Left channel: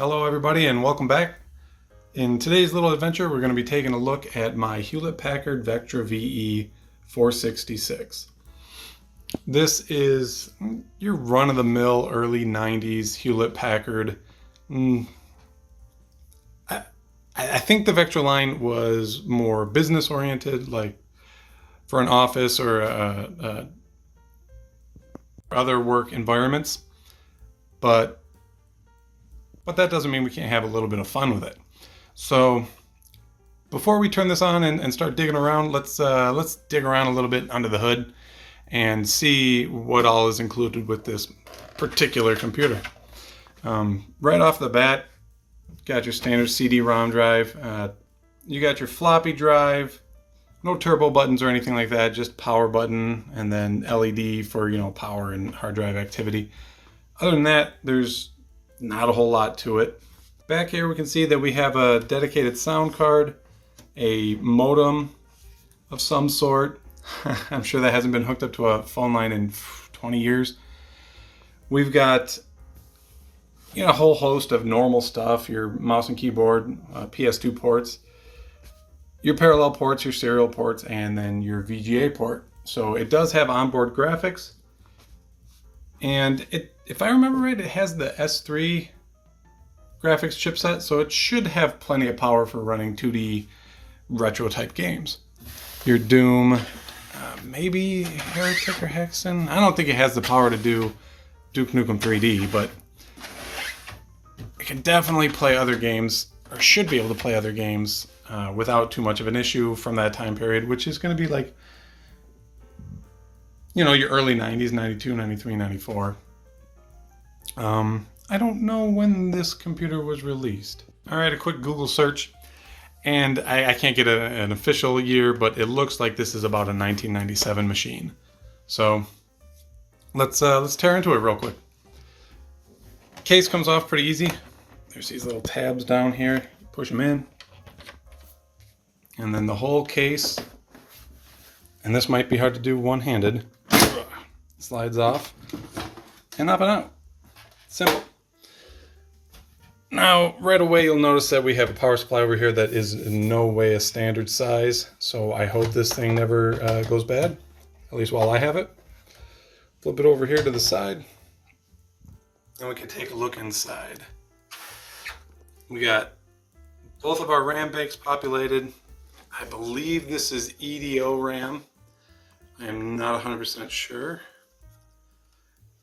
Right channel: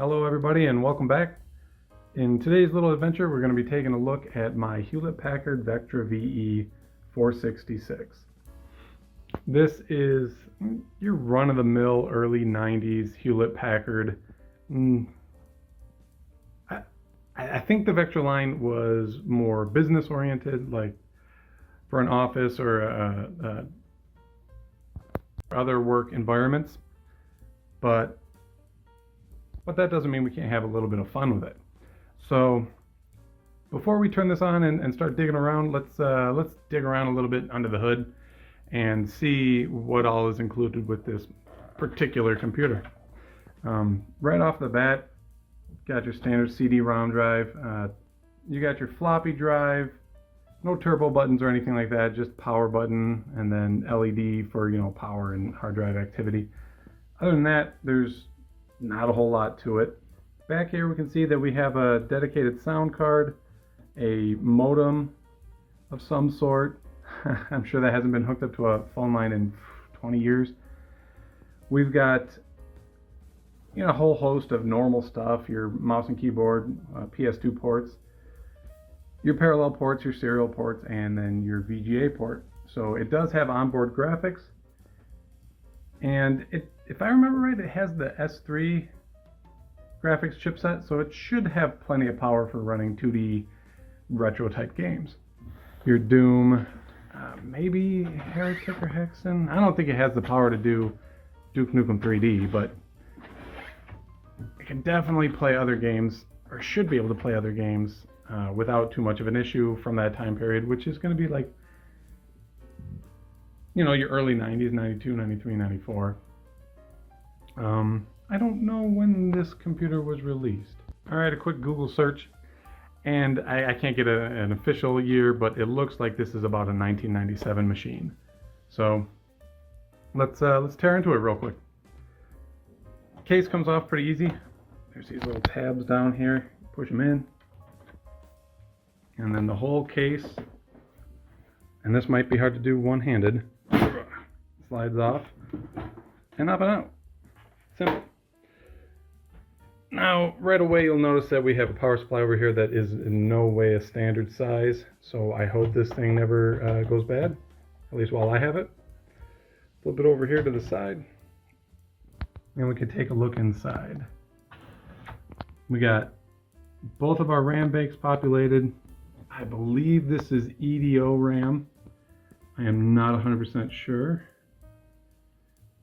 Hello everybody and welcome back. In today's little adventure we're going to be taking a look at my Hewlett-Packard Vectra VE 466. This is your run-of-the-mill early 90s Hewlett-Packard. I think the Vectra line was more business oriented, like for an office or other work environments, but that doesn't mean we can't have a little bit of fun with it. So before we turn this on and start digging around, let's dig around a little bit under the hood and see what all is included with this particular computer. Right off the bat, got your standard CD-ROM drive. You got your floppy drive, no turbo buttons or anything like that, just power button and then LED for, power and hard drive activity. Other than that, there's not a whole lot to it. Back here we can see that we have a dedicated sound card, a modem of some sort. I'm sure that hasn't been hooked up to a phone line in 20 years. We've got a whole host of normal stuff, your mouse and keyboard, PS2 ports, your parallel ports, your serial ports, and then your VGA port. So it does have onboard graphics, and if I remember right, it has the S3 graphics chipset, so it should have plenty of power for running 2D retro type games. Your Doom, maybe Heretic or Hexen. I don't think it has the power to do Duke Nukem 3D, but it can definitely play other games, or should be able to play other games without too much of an issue from that time period, which is going to be like, your early 90s, 92, 93, 94. I don't know when this computer was released. All right, a quick Google search, and I can't get an official year, but it looks like this is about a 1997 machine. So let's tear into it real quick. Case comes off pretty easy. There's these little tabs down here. Push them in, and then the whole case. And this might be hard to do one-handed. Slides off and up and out. Simple. Now, right away you'll notice that we have a power supply over here that is in no way a standard size, so I hope this thing never goes bad, at least while I have it. Flip it over here to the side, and we can take a look inside. We got both of our RAM banks populated. I believe this is EDO RAM. I am not 100% sure.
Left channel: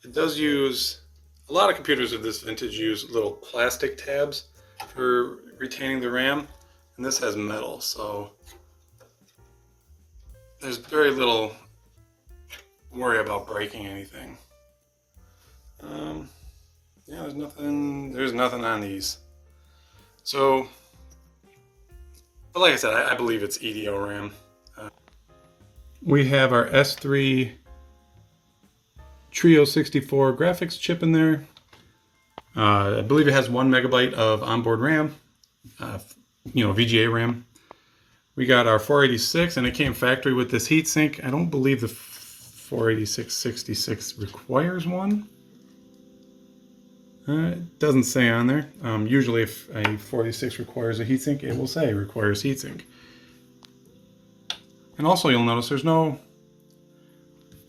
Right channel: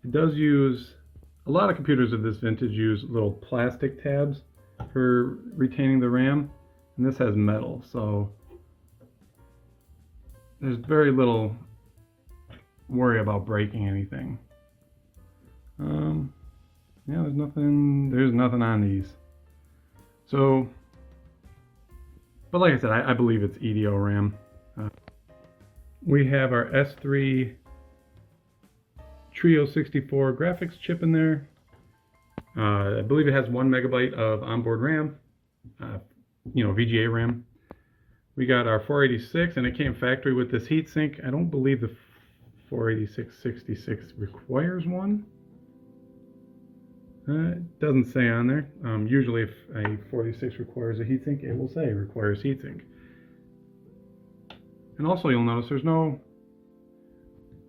It does use, a lot of computers of this vintage use little plastic tabs for retaining the RAM, and this has metal, so there's very little worry about breaking anything. Yeah, there's nothing on these. So, but like I said, I believe it's EDO RAM. We have our S3 Trio 64 graphics chip in there. I believe it has 1 megabyte of onboard RAM, VGA RAM. We got our 486, and it came factory with this heatsink. I don't believe the 486-66 requires one. It doesn't say on there. Usually if a 486 requires a heatsink, it will say requires heatsink. And also you'll notice there's no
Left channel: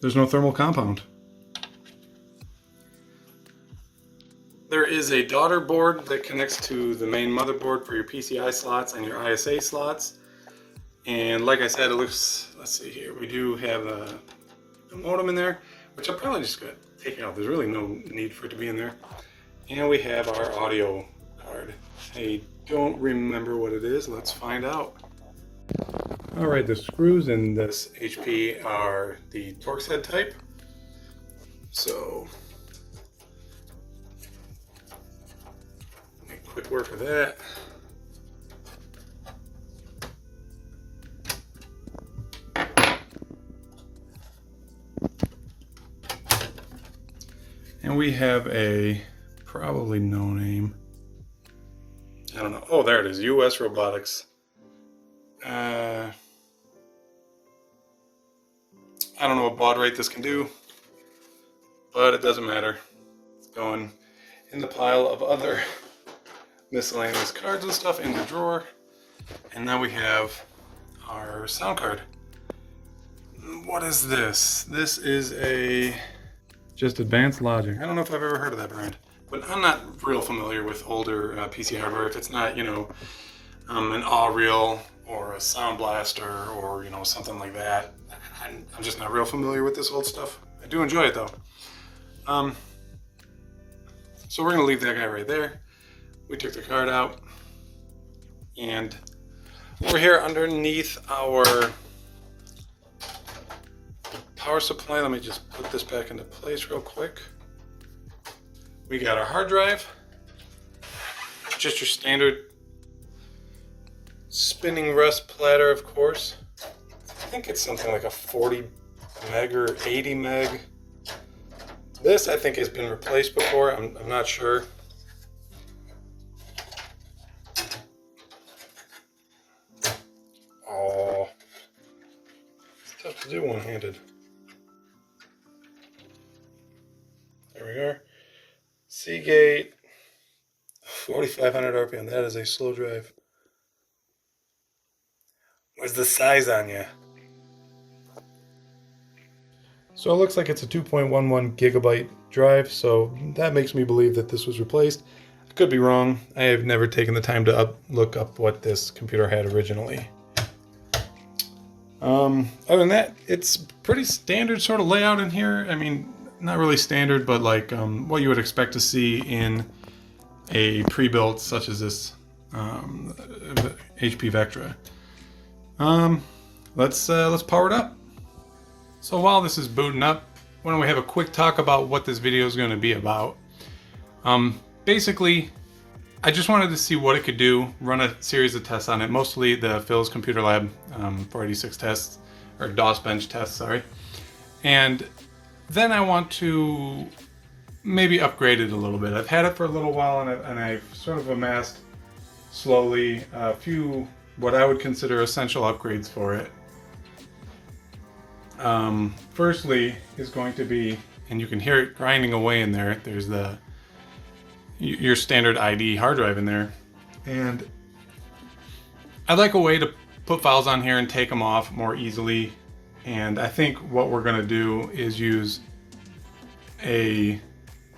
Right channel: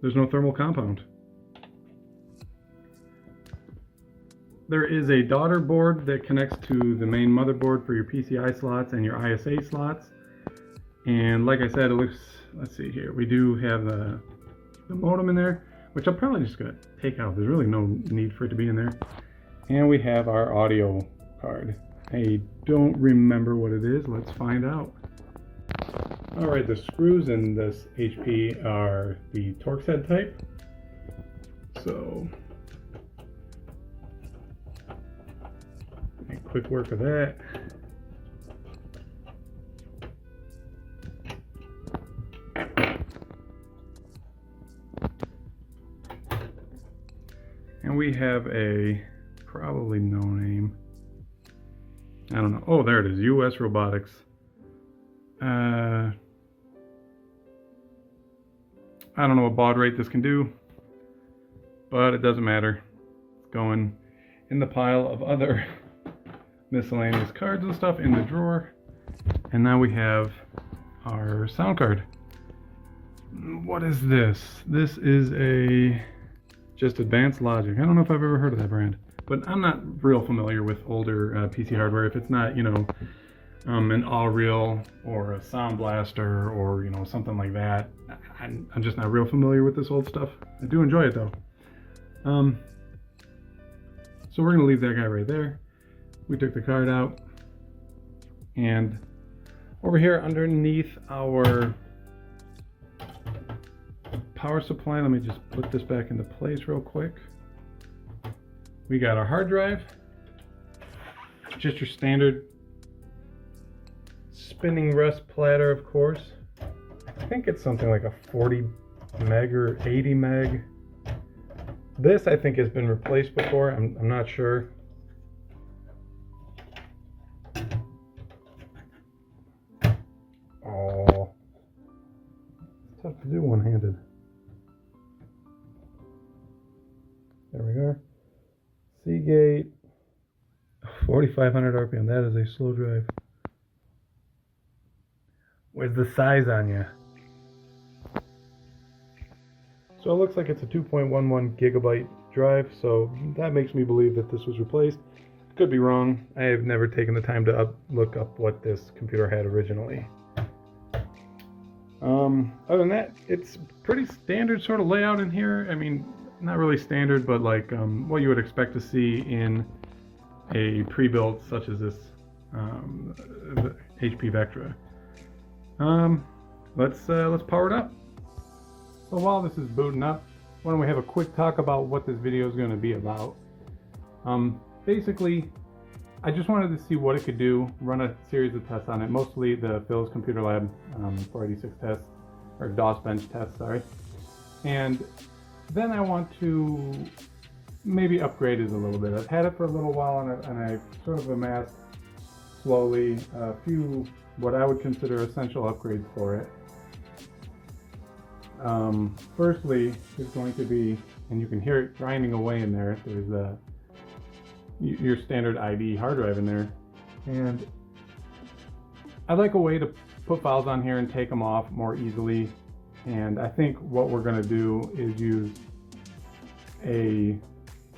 thermal compound. There is a daughter board that connects to the main motherboard for your PCI slots and your ISA slots. And like I said, it looks, let's see here, we do have the modem in there, which I'm probably just going to take out. There's really no need for it to be in there. And we have our audio card. I don't remember what it is. Let's find out. All right, the screws in this HP are the Torx head type. So make quick work of that. And we have a probably no name. I don't know. Oh, there it is. US Robotics. I don't know what baud rate this can do, but it doesn't matter. It's going in the pile of other miscellaneous cards and stuff in the drawer. And now we have our sound card. What is this? This is just Advanced Logic. I don't know if I've ever heard of that brand, but I'm not real familiar with older PC hardware. If it's not, you know, an All-Real or a Sound Blaster or, you know, something like that, I'm just not real familiar with this old stuff. I do enjoy it though. So we're gonna leave that guy right there. We took the card out, and over here underneath our power supply, let me just put this back into place real quick. We got our hard drive, just your standard spinning rust platter, of course. I think it's something like a 40 meg or 80 meg. This I think has been replaced before. I'm not sure. Oh, it's tough to do one-handed. There we are. Seagate, 4,500 RPM. That is a slow drive. Where's the size on you? So it looks like it's a 2.11 gigabyte drive, so that makes me believe that this was replaced. I could be wrong. I have never taken the time to look up what this computer had originally. Other than that, it's pretty standard sort of layout in here. I mean, not really standard, but like what you would expect to see in a pre-built such as this HP Vectra. Let's power it up. So while this is booting up, why don't we have a quick talk about what this video is going to be about. Basically, I just wanted to see what it could do, run a series of tests on it, mostly the Phil's Computer Lab 486 tests, or DOS bench tests, sorry. And then I want to maybe upgrade it a little bit. I've had it for a little while, and I've sort of amassed slowly a few what I would consider essential upgrades for it. Firstly is going to be, and you can hear it grinding away in there, there's your standard ID hard drive in there. And I'd like a way to put files on here and take them off more easily. And I think what we're gonna do is use a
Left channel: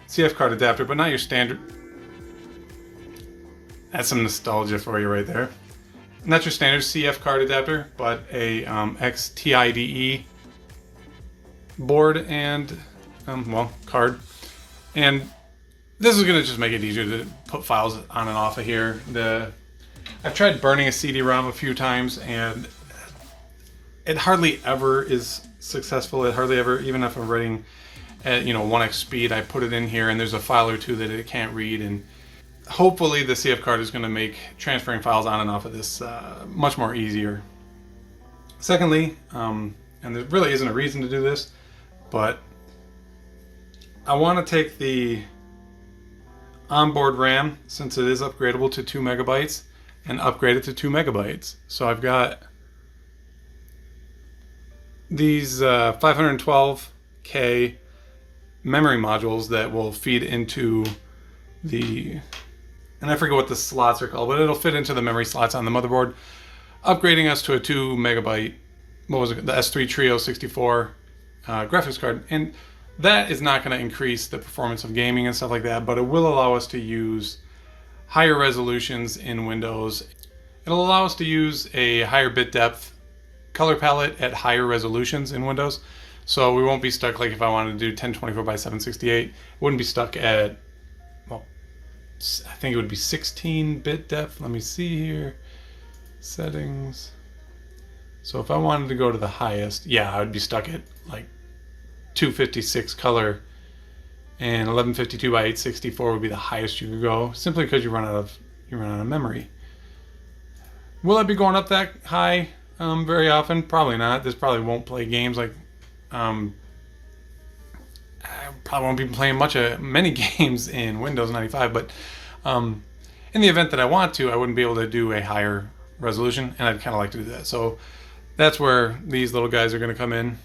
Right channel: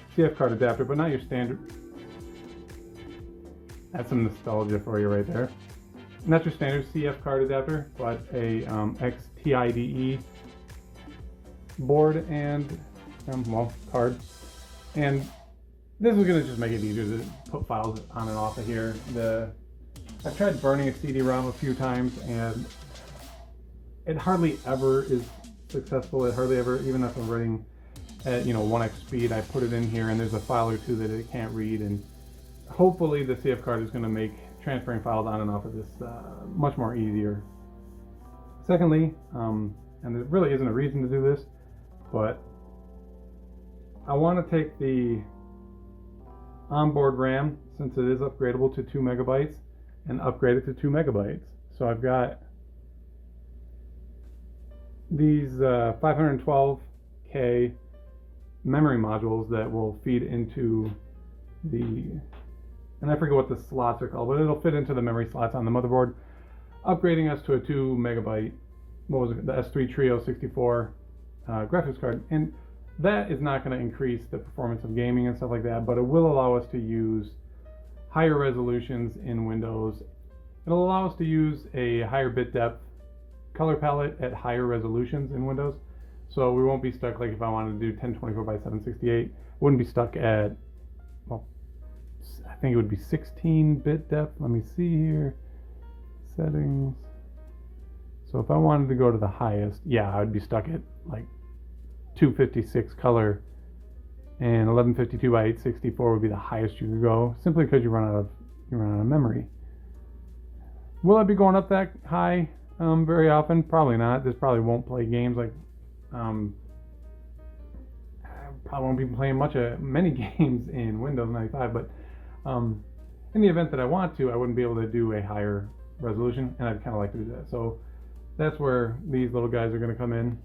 CF card adapter, but not your standard. That's some nostalgia for you right there. Not your standard CF card adapter, but a XTIDE board and well, card. And this is gonna just make it easier to put files on and off of here. I've tried burning a CD-ROM a few times, and it hardly ever is successful. It hardly ever, even if I'm writing at 1x speed, I put it in here and there's a file or two that it can't read. And hopefully the CF card is going to make transferring files on and off of this much more easier. Secondly, and there really isn't a reason to do this, but I want to take the onboard RAM, since it is upgradable to 2 megabytes, and upgrade it to 2 megabytes. So I've got these 512K memory modules that will feed into and I forget what the slots are called, but it'll fit into the memory slots on the motherboard, upgrading us to a 2 megabyte, what was it, the S3 Trio 64 graphics card. And that is not going to increase the performance of gaming and stuff like that, but it will allow us to use higher resolutions in Windows. It'll allow us to use a higher bit depth color palette at higher resolutions in Windows. So we won't be stuck, like if I wanted to do 1024 by 768, it wouldn't be stuck at, well, I think it would be 16-bit depth. Let me see here. Settings. So if I wanted to go to the highest, yeah, I would be stuck at like 256 color, and 1152 by 864 would be the highest you could go, simply because you run out of memory. Will I be going up that high very often? Probably not. This probably won't play games like I probably won't be playing many games in Windows 95, but in the event that I want to, I wouldn't be able to do a higher resolution, and I'd kind of like to do that. So that's where these little guys are going to come in.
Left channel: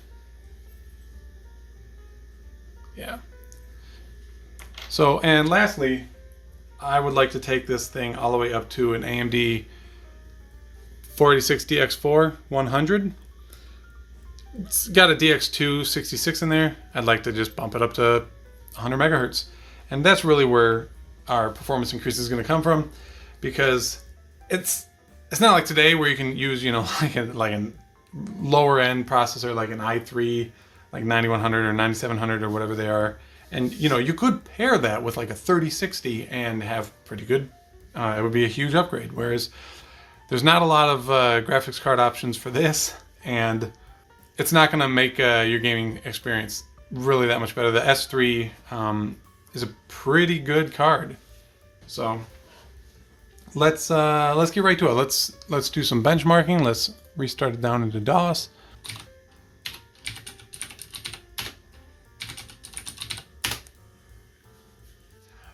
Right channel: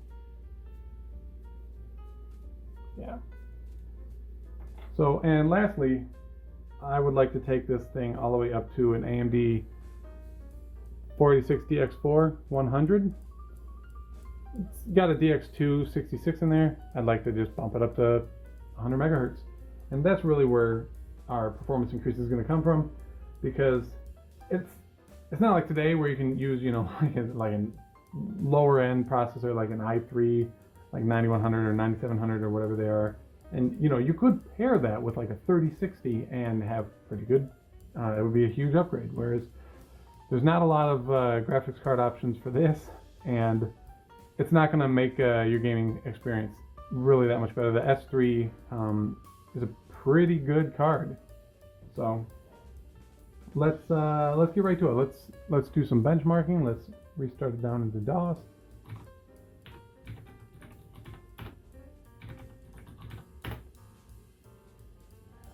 Yeah. So, and lastly, I would like to take this thing all the way up to an AMD 4060X4 100. It's got a DX2 66 in there. I'd like to just bump it up to 100 megahertz. And that's really where our performance increase is going to come from, because it's not like today where you can use, you know, like a lower end processor like an i3, like 9100 or 9700 or whatever they are. And, you know, you could pair that with like a 3060 and have pretty good, it would be a huge upgrade. Whereas there's not a lot of graphics card options for this, and it's not going to make your gaming experience really that much better. The S3 is a pretty good card. So let's get right to it. Let's do some benchmarking. Let's restart it down into DOS.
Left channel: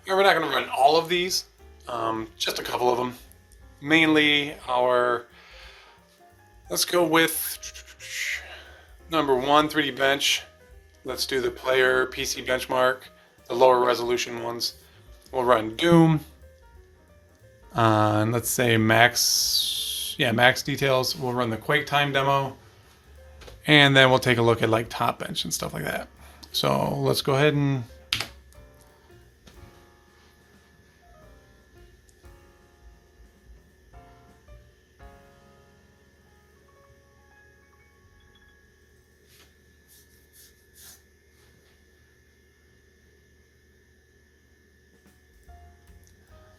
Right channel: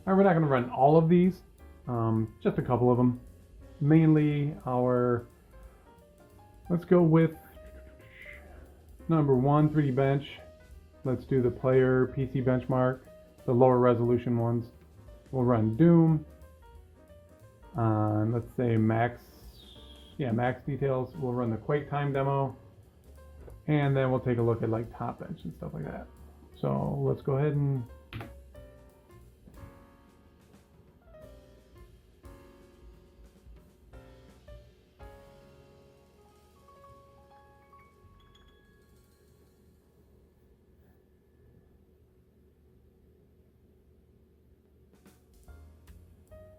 All right, we're not going to run all of these, just a couple of them. Mainly let's go with number 1, 3D bench. Let's do the player PC benchmark, the lower resolution ones. We'll run Doom. And let's say max details. We'll run the Quake time demo. And then we'll take a look at like top bench and stuff like that. So let's go ahead and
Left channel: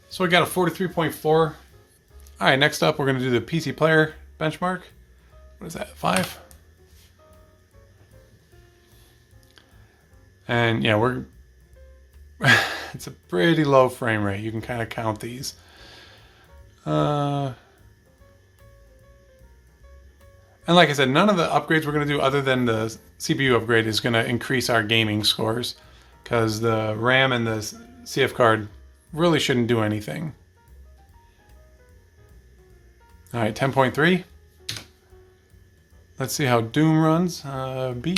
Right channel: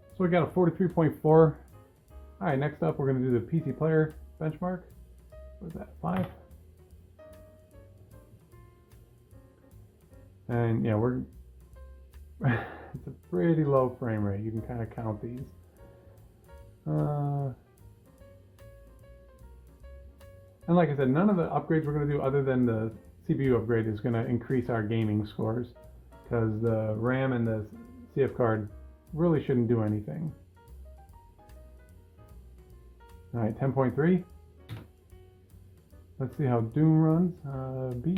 so we got a 43.4. All right, next up, we're going to do the PC player benchmark. What is that, 5? And yeah, it's a pretty low frame rate. You can kind of count these. And like I said, none of the upgrades we're going to do other than the CPU upgrade is going to increase our gaming scores, because the RAM and the CF card really shouldn't do anything. All right, 10.3. Let's see how Doom runs. B.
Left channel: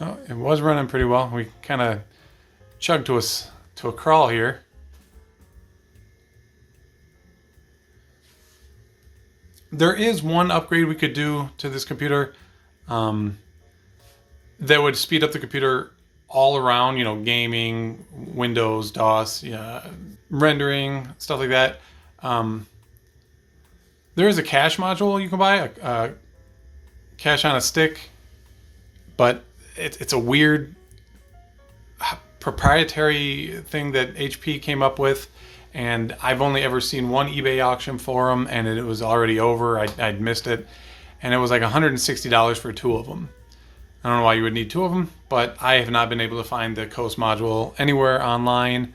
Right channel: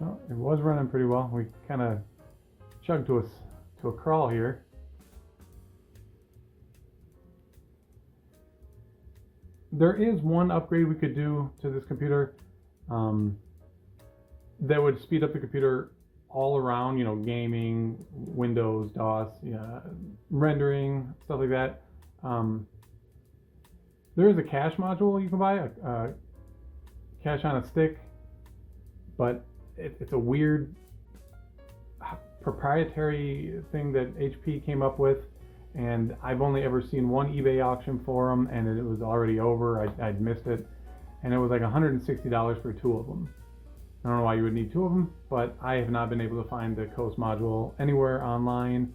Oh, it was running pretty well. We kind of chugged to a crawl here. There is one upgrade we could do to this computer that would speed up the computer all around, you know, gaming, Windows, DOS, rendering, stuff like that. There is a cache module you can buy, a cache on a stick, but it's a weird proprietary thing that HP came up with, and I've only ever seen one eBay auction for them, and it was already over. I'd missed it, and it was like $160 for 2 of them. I don't know why you would need 2 of them, but I have not been able to find the Coast module anywhere online.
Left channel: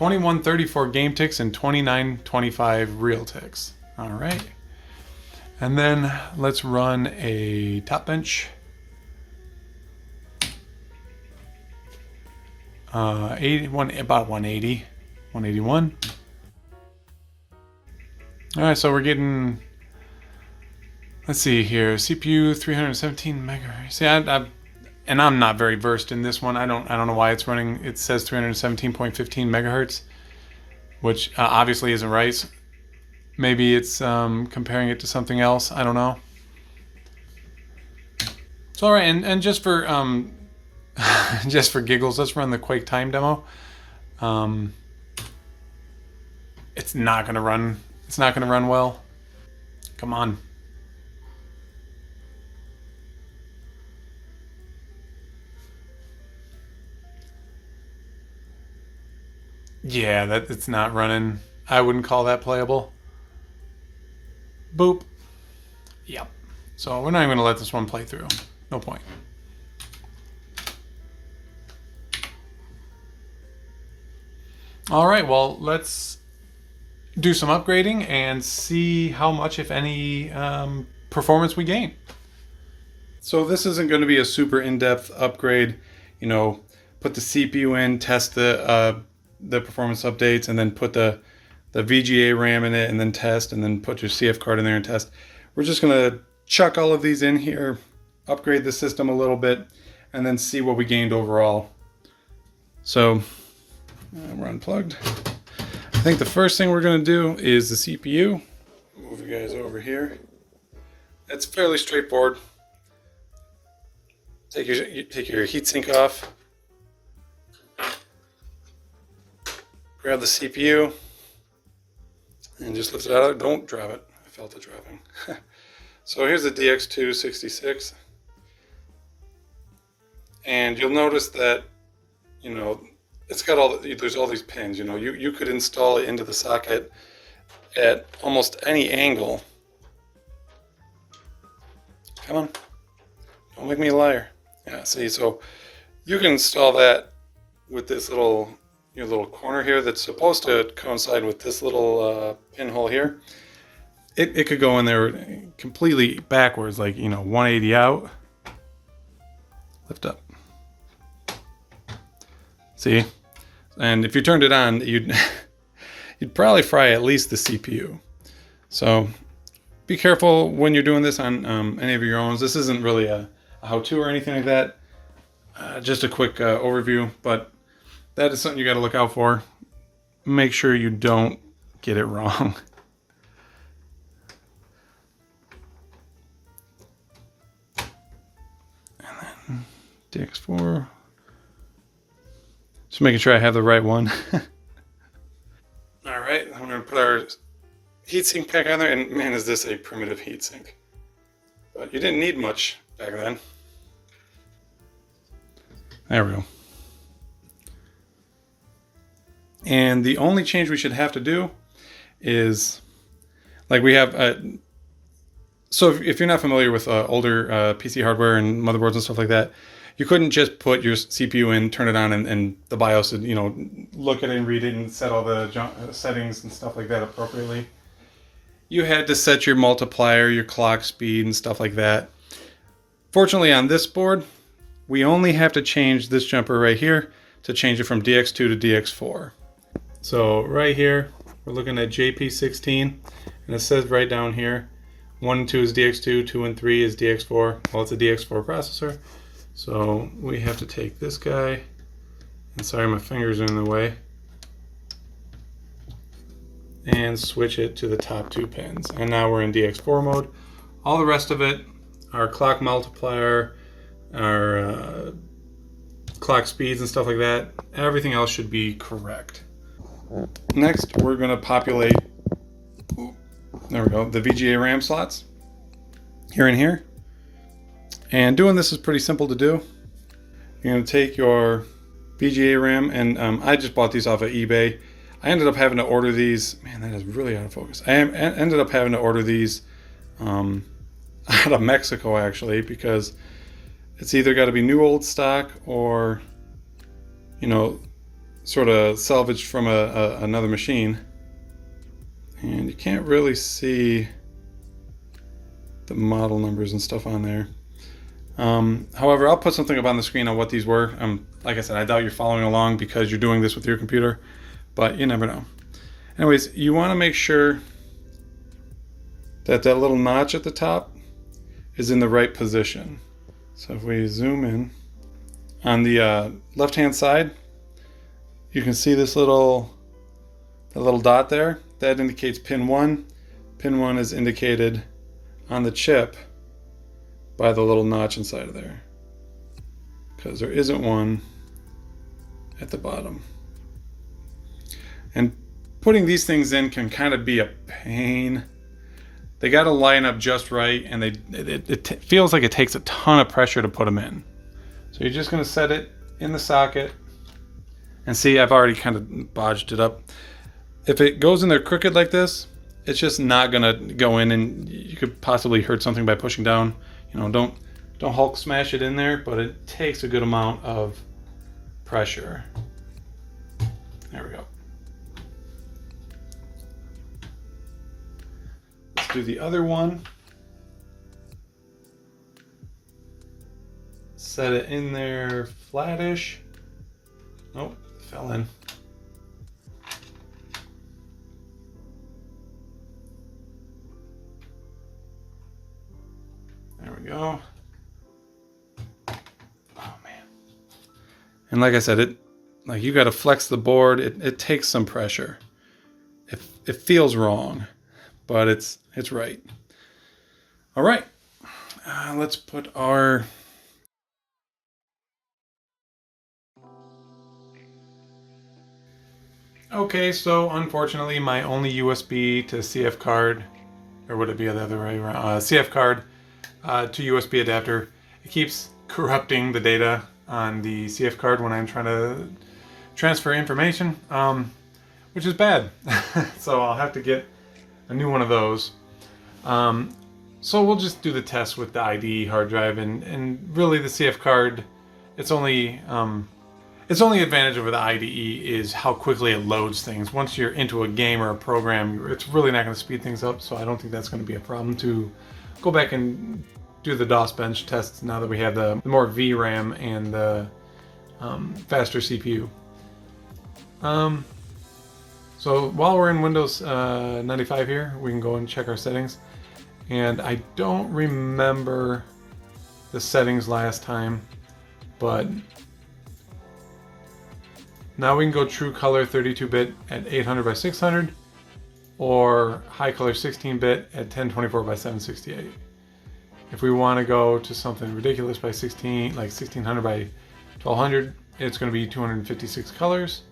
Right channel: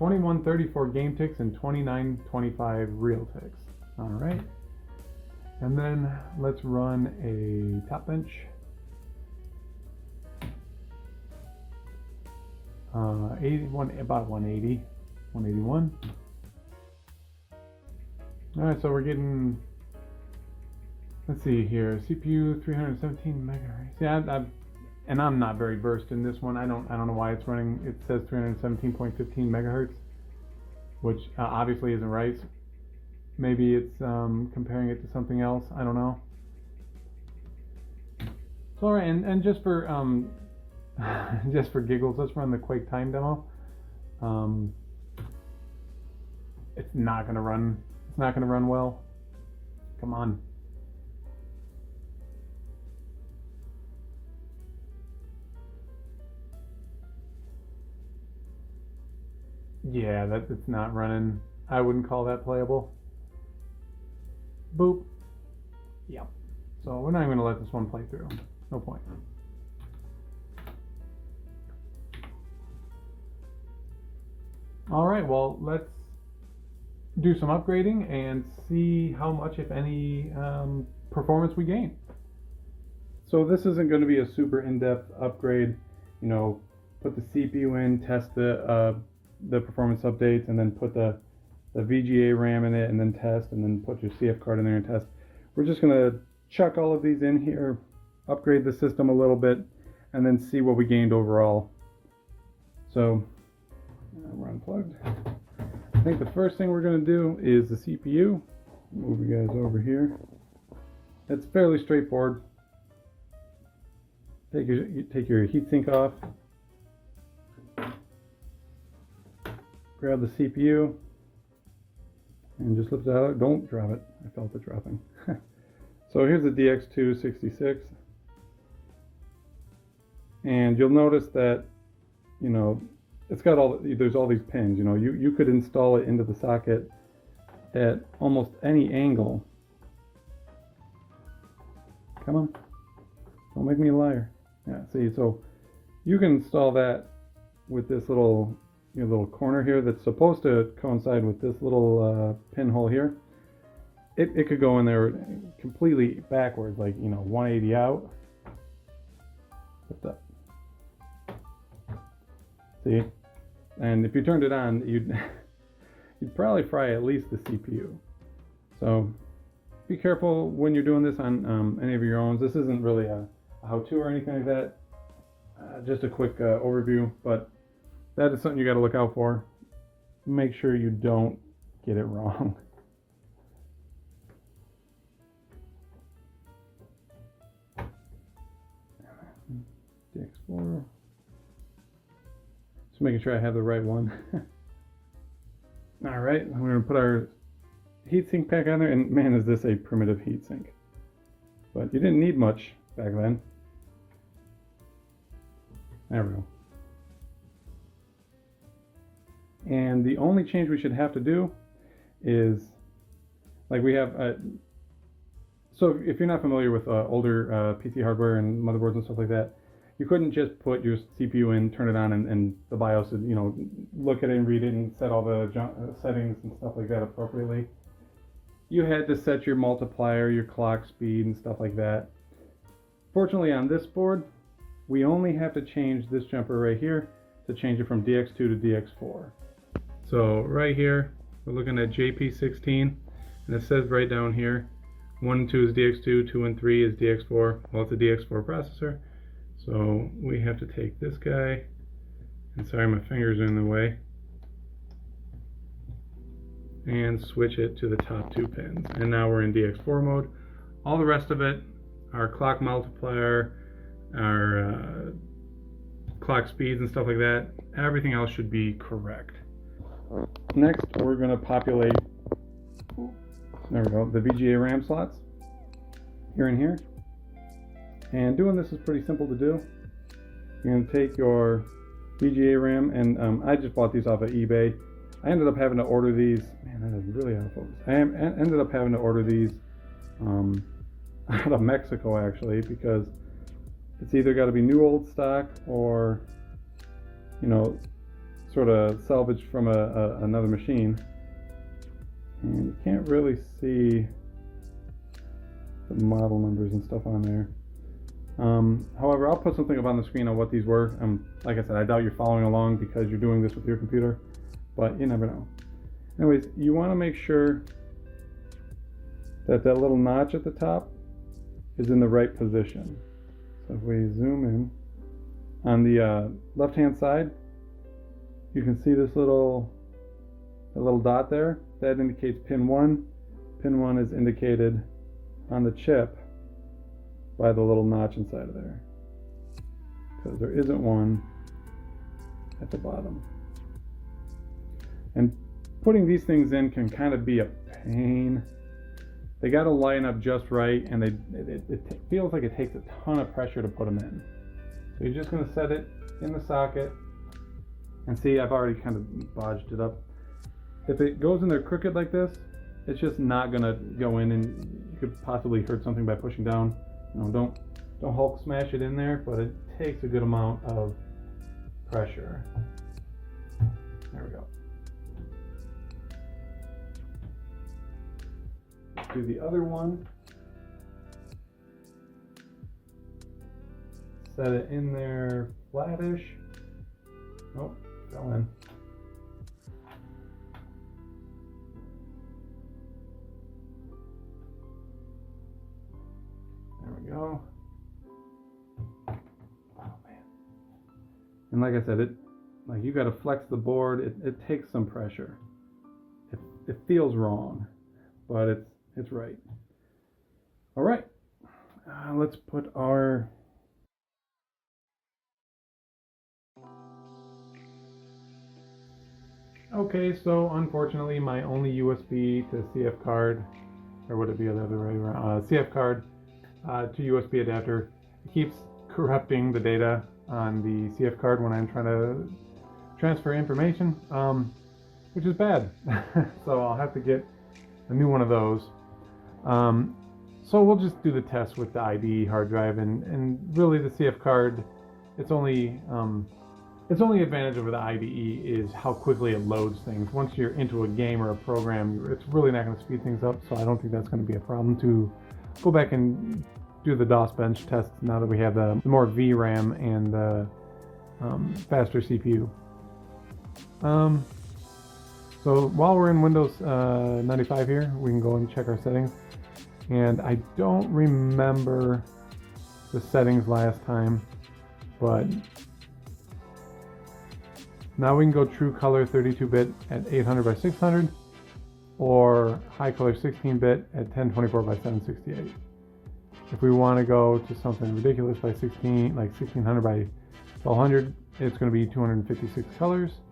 $21.34 game ticks and $29.25 real ticks. All right. And then let's run a top bench. 81, about 180, 181. All right, so we're getting, let's see here, CPU 317 megahertz. See, and I'm not very versed in this one. I don't know why it's running. It says 317.15 megahertz, which obviously isn't right. Maybe it's comparing it to something else. I don't know. So all right, and just for just for giggles, let's run the Quake time demo. It's not gonna run. It's not gonna run well. Come on. Yeah, it's not running. I wouldn't call that playable. Boop. Yep. So we're not even gonna let this one play through. No point. All right, well, let's do some upgrading and see how much, if any, performance we gain. So this isn't going to be a super in-depth upgrade, you know, put the CPU in, test the performance updates, and then put the VGA RAM in it, and then test, and then put your CF card in there and test. We're just going to chuck all of these in here, upgrade the system a little bit, and then see what we gained overall. So we're unplugged. I think the first thing we're going to do is the CPU. Move you guys over here. It's fairly straightforward. Take your heatsink off. Grab the CPU and just lift it out. Don't drop it. I felt it dropping. So here's the DX266. And you'll notice that, you know, it's got there's all these pins. You know, you could install it into the socket at almost any angle. Come on, don't make me a liar. Yeah, see, so you can install that with this little corner here that's supposed to coincide with this little pinhole here. It could go in there completely backwards, like, you know, 180 out. Lift up. See? And if you turned it on, you'd probably fry at least the CPU. So be careful when you're doing this on any of your own. This isn't really a how-to or anything like that. Just a quick overview, but that is something you got to look out for. Make sure you don't get it wrong. And then DX4. Just making sure I have the right one. All right, I'm going to put our heatsink back on there, and man, is this a primitive heatsink. But you didn't need much back then. There we go. And the only change we should have to do is, like we have, so if you're not familiar with older PC hardware and motherboards and stuff like that, you couldn't just put your CPU in, turn it on, and the BIOS would, you know, look at it and read it and set all the settings and stuff like that appropriately. You had to set your multiplier, your clock speed, and stuff like that. Fortunately, on this board, we only have to change this jumper right here to change it from DX2 to DX4. So right here, we're looking at JP16, and it says right down here, 1 and 2 is DX2, 2 and 3 is DX4. Well, it's a DX4 processor. So we have to take this guy, and sorry, my fingers are in the way, and switch it to the top 2 pins. And now we're in DX4 mode. All the rest of it, our clock multiplier, our clock speeds and stuff like that, everything else should be correct. Next, we're going to populate, there we go, the VGA RAM slots here and here. And doing this is pretty simple to do. You're going to take your VGA RAM, and I just bought these off of eBay. I ended up having to order these. Man, that is really out of focus. I ended up having to order these out of Mexico, actually, because it's either got to be new old stock or, you know, sort of salvaged from another machine. And you can't really see the model numbers and stuff on there. However, I'll put something up on the screen on what these were. Like I said, I doubt you're following along because you're doing this with your computer, but you never know. Anyways, you want to make sure that that little notch at the top is in the right position. So if we zoom in, on the left-hand side, you can see this little dot there. That indicates pin 1. Pin 1 is indicated on the chip by the little notch inside of there, because there isn't one at the bottom. And putting these things in can kind of be a pain. They got to line up just right, and it feels like it takes a ton of pressure to put them in. So you're just going to set it in the socket, and see, I've already kind of bodged it up. If it goes in there crooked like this, it's just not going to go in, and you could possibly hurt something by pushing down. You know, don't Hulk smash it in there, but it takes a good amount of pressure. There we go. do the other one. Set it in there flattish. Nope, fell in. There we go. Oh man. And like I said, like you got to flex the board. It takes some pressure. It feels wrong, but it's right. All right, let's put our okay, so unfortunately my only USB to CF card, or would it be the other way around? CF card to USB adapter, it keeps corrupting the data on the CF card when I'm trying to transfer information, which is bad. So I'll have to get a new one of those. So we'll just do the test with the IDE hard drive, and really the CF card, its only advantage over the IDE is how quickly it loads things. Once you're into a game or a program, it's really not going to speed things up, so I don't think that's going to be a problem to go back and do the DOS bench tests now that we have the more VRAM and the faster CPU. So while we're in Windows 95 here, we can go and check our settings. And I don't remember the settings last time, but now we can go true color 32-bit at 800 by 600 or high color 16-bit at 1024 by 768. If we want to go to something ridiculous by 16, like 1600 by 1200, it's going to be 256 colors.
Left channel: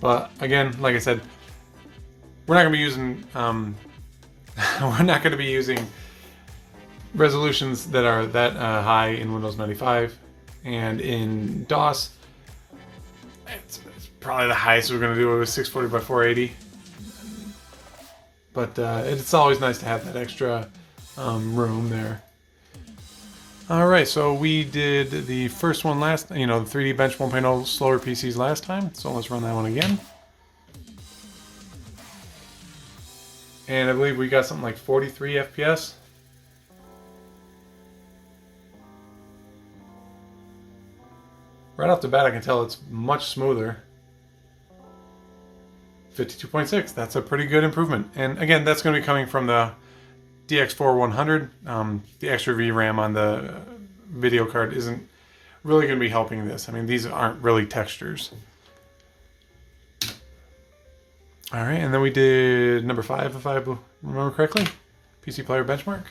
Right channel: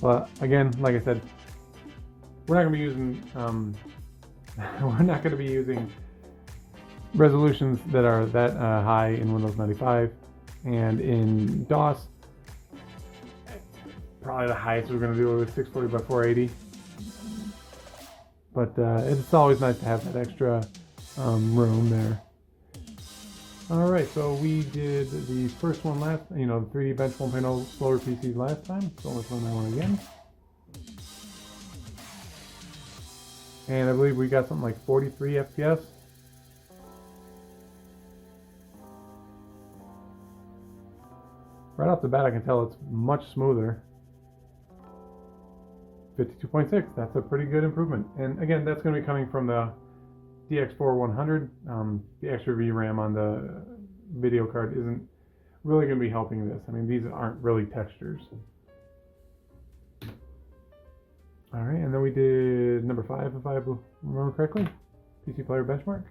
But again, like I said, we're not going to be using resolutions that are that high in Windows 95, and in DOS, it's probably the highest we're going to do. It was 640 by 480. But it's always nice to have that extra room there. All right, so we did the first one last, the 3D Bench 1.0 slower PCs last time. So let's run that one again. And I believe we got something like 43 FPS. Right off the bat, I can tell it's much smoother. 52.6, that's a pretty good improvement. And again, that's going to be coming from the DX4100. The extra VRAM on the video card isn't really going to be helping this. I mean, these aren't really textures. All right, and then we did number 5, if I remember correctly, PC Player Benchmark.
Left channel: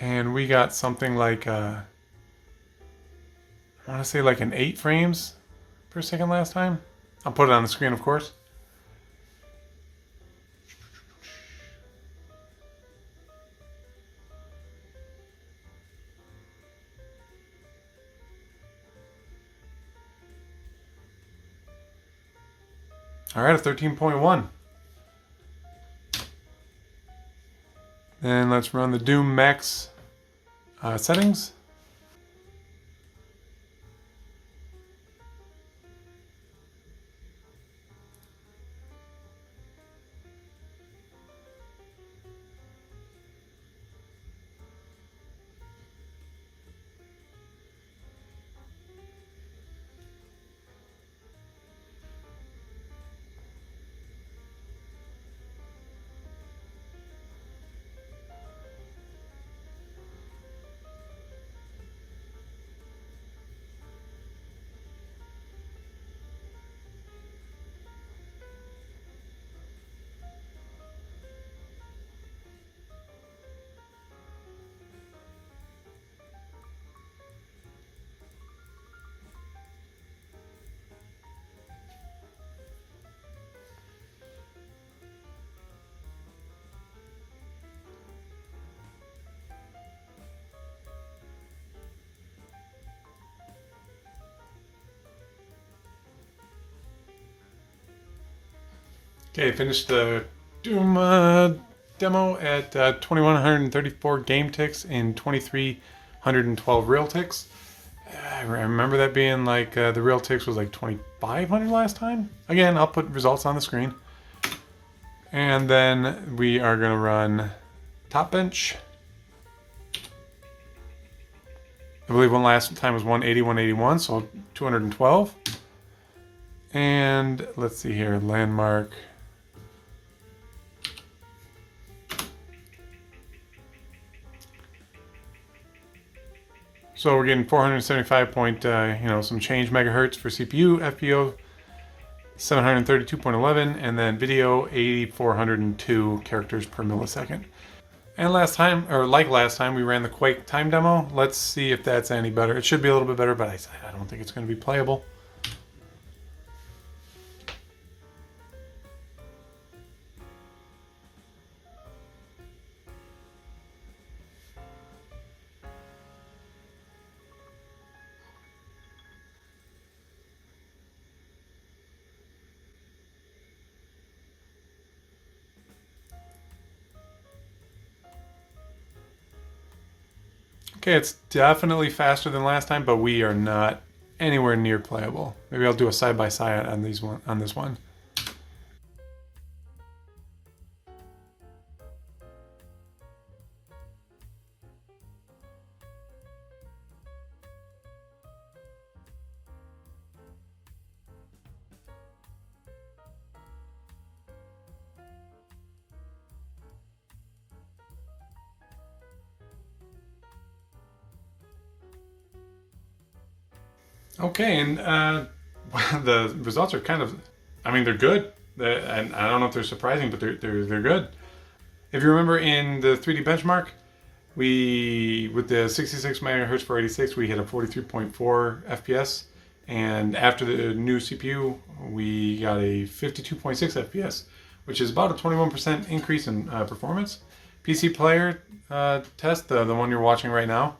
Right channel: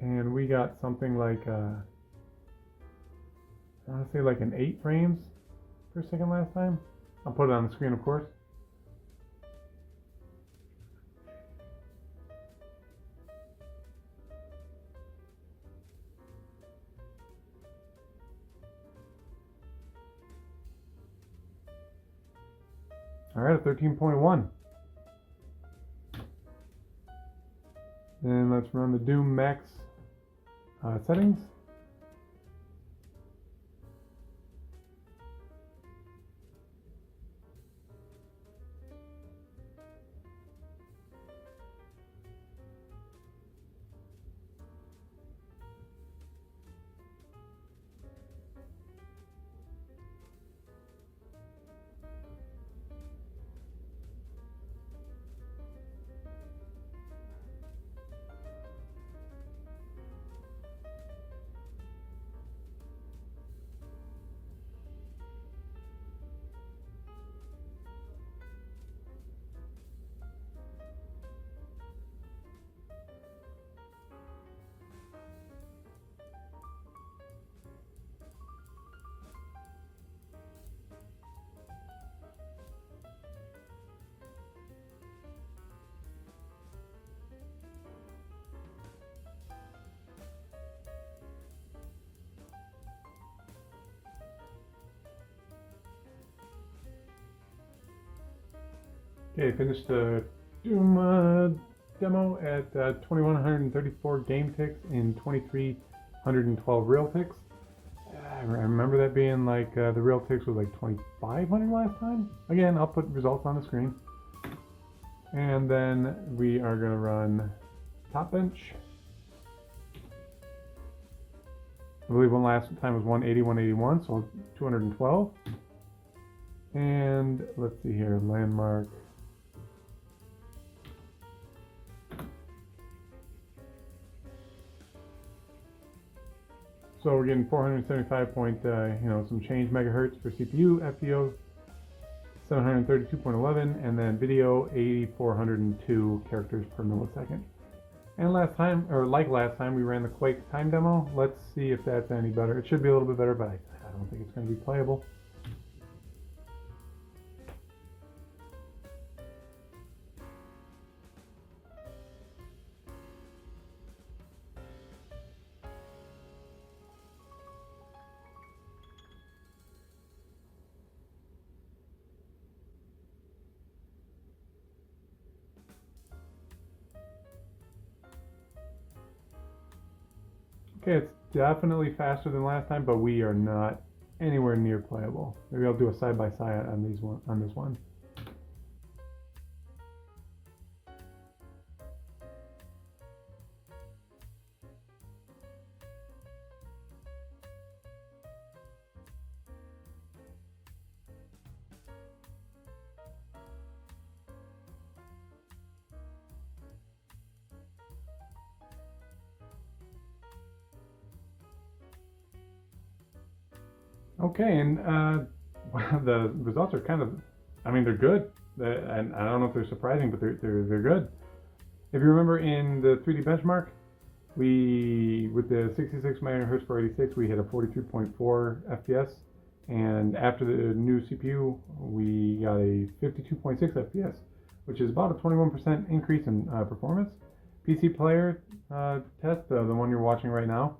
And we got something like, I want to say like an 8 frames per second last time. I'll put it on the screen, of course. All right, a 13.1. Then let's run the Doom Max settings. Okay, finished the Doom demo at 2134 game ticks and 2312 real ticks. I remember that being like the real ticks was like 2500 last time. Again, I'll put results on the screen. And then we are going to run top bench. I believe one last time was 180, 181, so 212. And let's see here, landmark. So we're getting 475 point, some change megahertz for CPU, FPO 732.11, and then video 8402 characters per millisecond. And last time, we ran the Quake time demo. Let's see if that's any better. It should be a little bit better, but I don't think it's going to be playable. Okay, it's definitely faster than last time, but we are not anywhere near playable. Maybe I'll do a side-by-side on this one. Okay, and the results are kind of, they're good. And I don't know if they're surprising, but they're good. If you remember in the 3D benchmark, with the 66 megahertz for 86, we hit a 43.4 FPS. And after the new CPU, we got a 52.6 FPS, which is about a 21% increase in performance. PC player test, the one you're watching right now,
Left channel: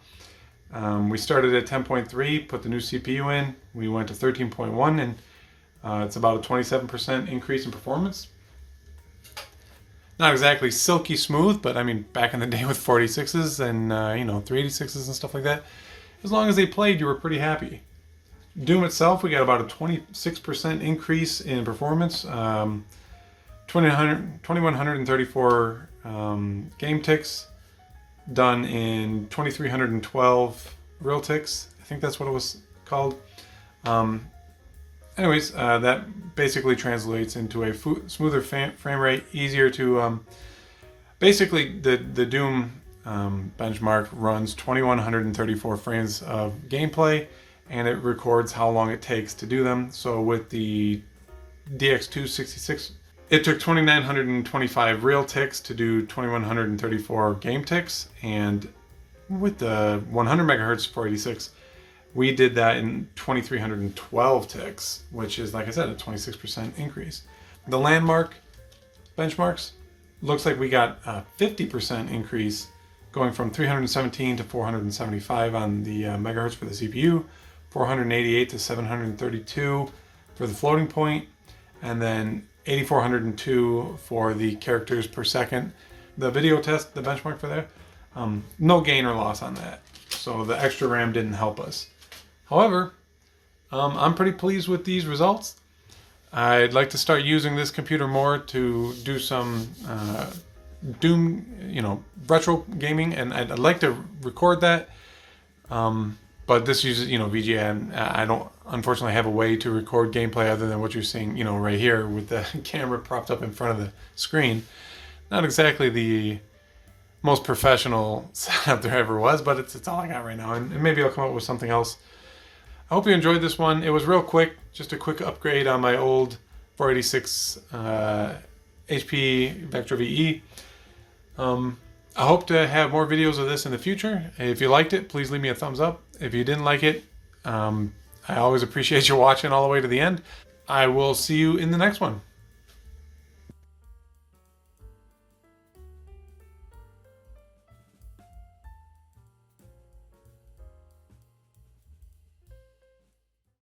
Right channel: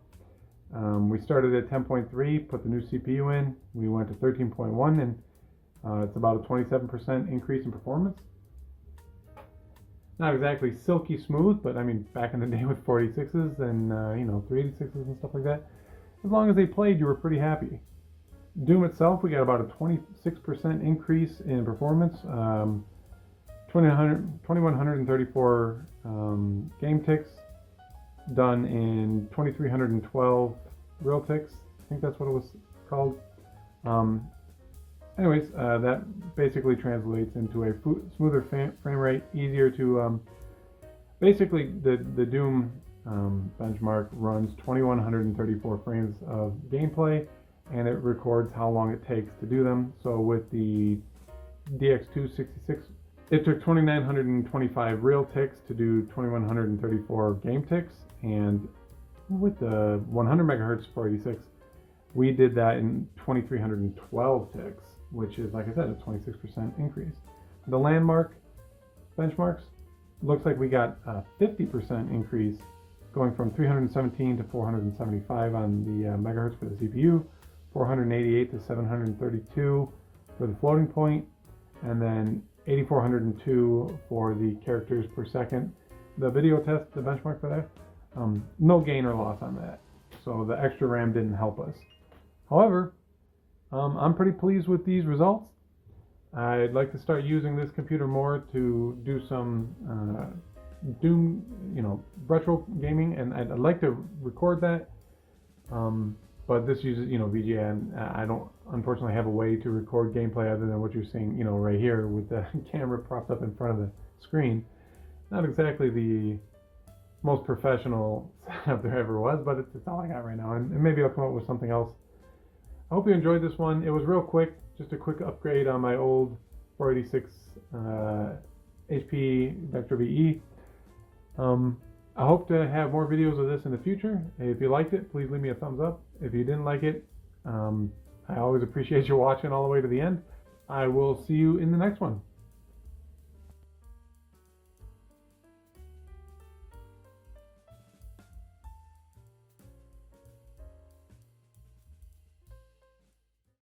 we started at 10.3, put the new CPU in, we went to 13.1, and it's about a 27% increase in performance. Not exactly silky smooth, but back in the day with 46s and 386s and stuff like that, as long as they played, you were pretty happy. Doom itself, we got about a 26% increase in performance, 2134 game ticks, done in 2312 real ticks. I think that's what it was called. That basically translates into a smoother frame rate, easier to... basically, the Doom benchmark runs 2134 frames of gameplay, and it records how long it takes to do them. So with the DX266, it took 2,925 real ticks to do 2,134 game ticks, and with the 100 megahertz 486, we did that in 2,312 ticks, which is, like I said, a 26% increase. The landmark benchmarks, looks like we got a 50% increase, going from 317 to 475 on the megahertz for the CPU, 488 to 732 for the floating point, and then 8402 for the characters per second. The video test, the benchmark for that, no gain or loss on that. So the extra RAM didn't help us. However, I'm pretty pleased with these results. I'd like to start using this computer more to do some Doom, retro gaming, and I'd like to record that. But this uses, VGA, and I don't, unfortunately, have a way to record gameplay other than what you're seeing, right here with the camera propped up in front of the screen. Not exactly the most professional setup there ever was, but it's all I got right now, and maybe I'll come up with something else. I hope you enjoyed this one. It was real quick, just a quick upgrade on my old 486 HP Vectra VE. I hope to have more videos of this in the future. If you liked it, please leave me a thumbs up. If you didn't like it, I always appreciate you watching all the way to the end. I will see you in the next one.